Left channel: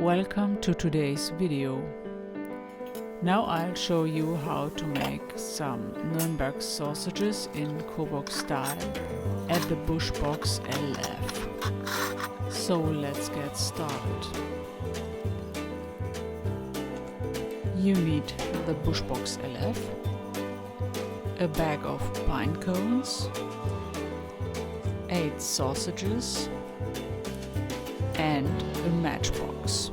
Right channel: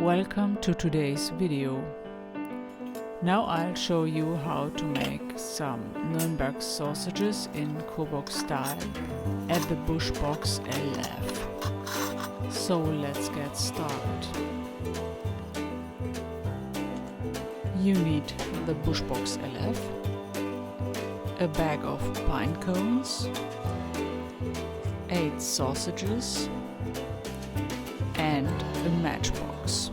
Welcome to today's video. Now I'll show you how to make some Nuernberg sausages in Coburg-Style at the Bushbox LF. So let's get started. You need the Bushbox LF, a bag of pine cones, 8 sausages and a matchbox.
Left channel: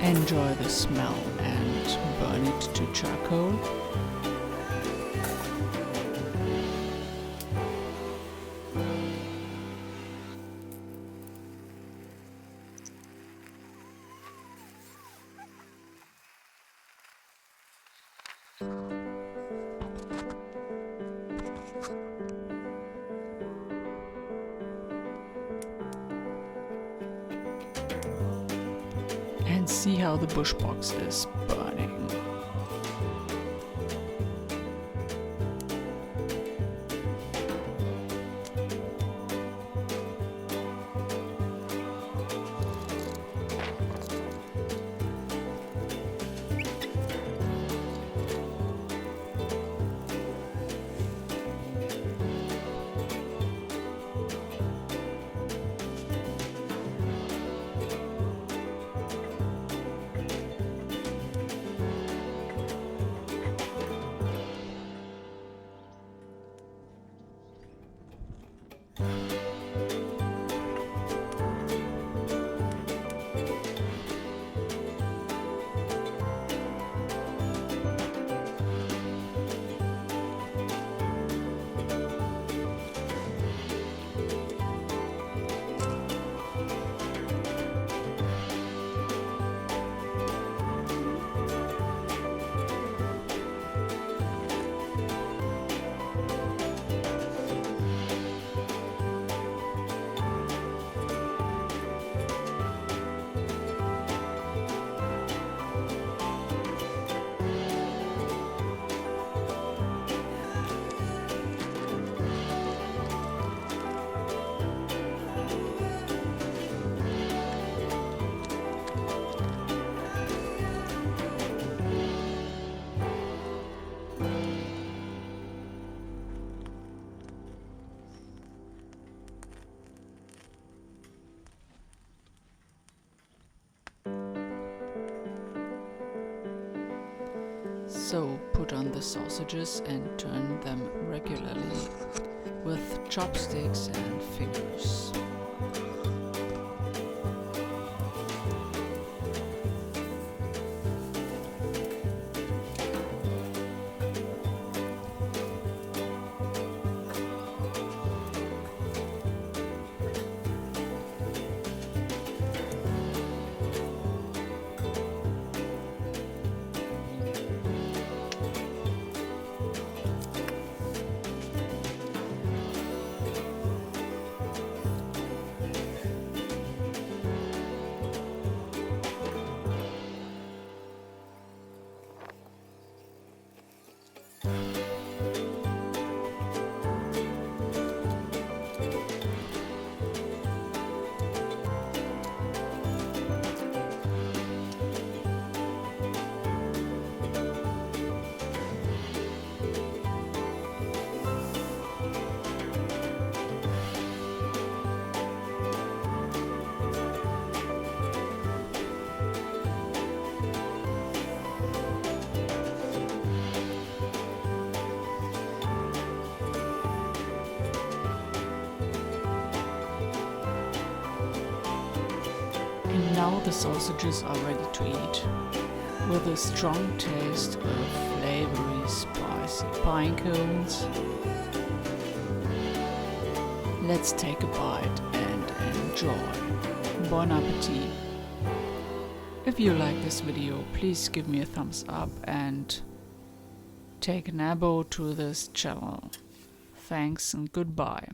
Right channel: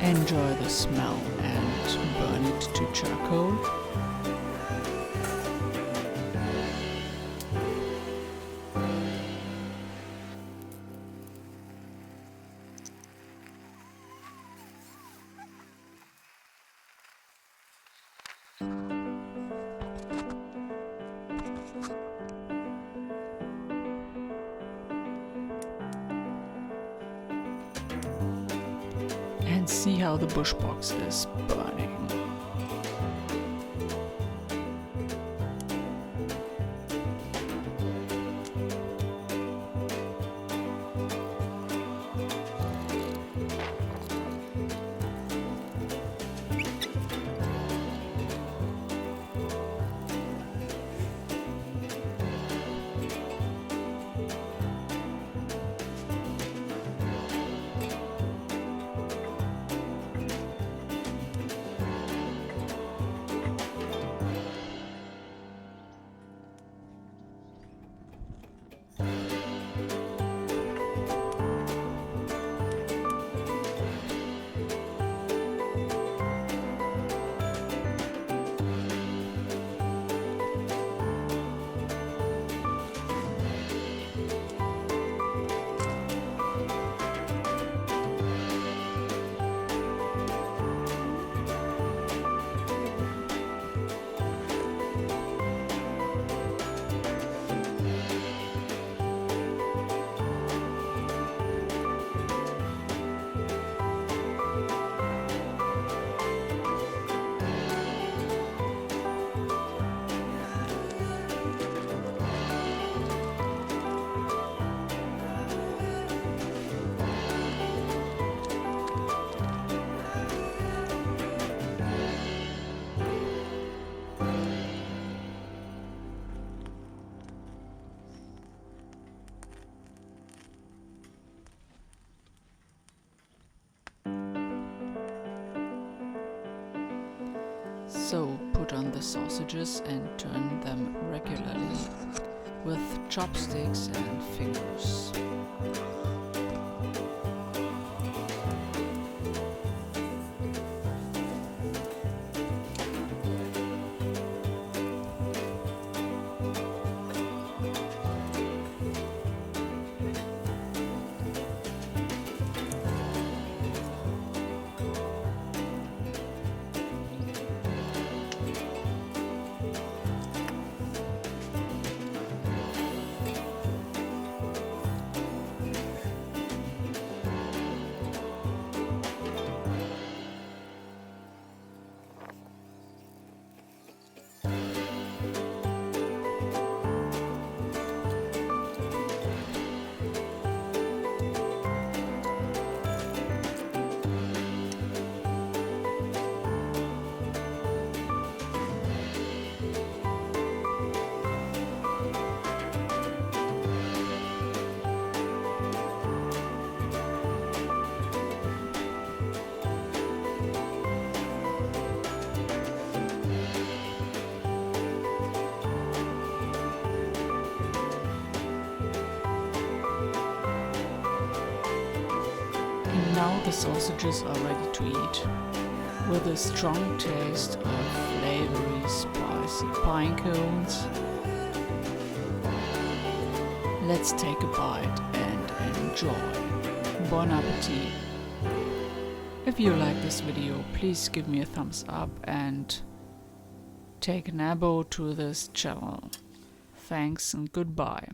Enjoy the smell and burn it to charcoal. And see how the bushbox is burning. So put on the sausages and turn them regularly with chopsticks and fingers. Now the sausages are ready to eat, with a strong taste of flavoury, spicy pine cones. Let's take a bite and enjoy. Bon appetit! If you like this video, please give me a thumbs up and take an abo to this channel. Thanks and goodbye.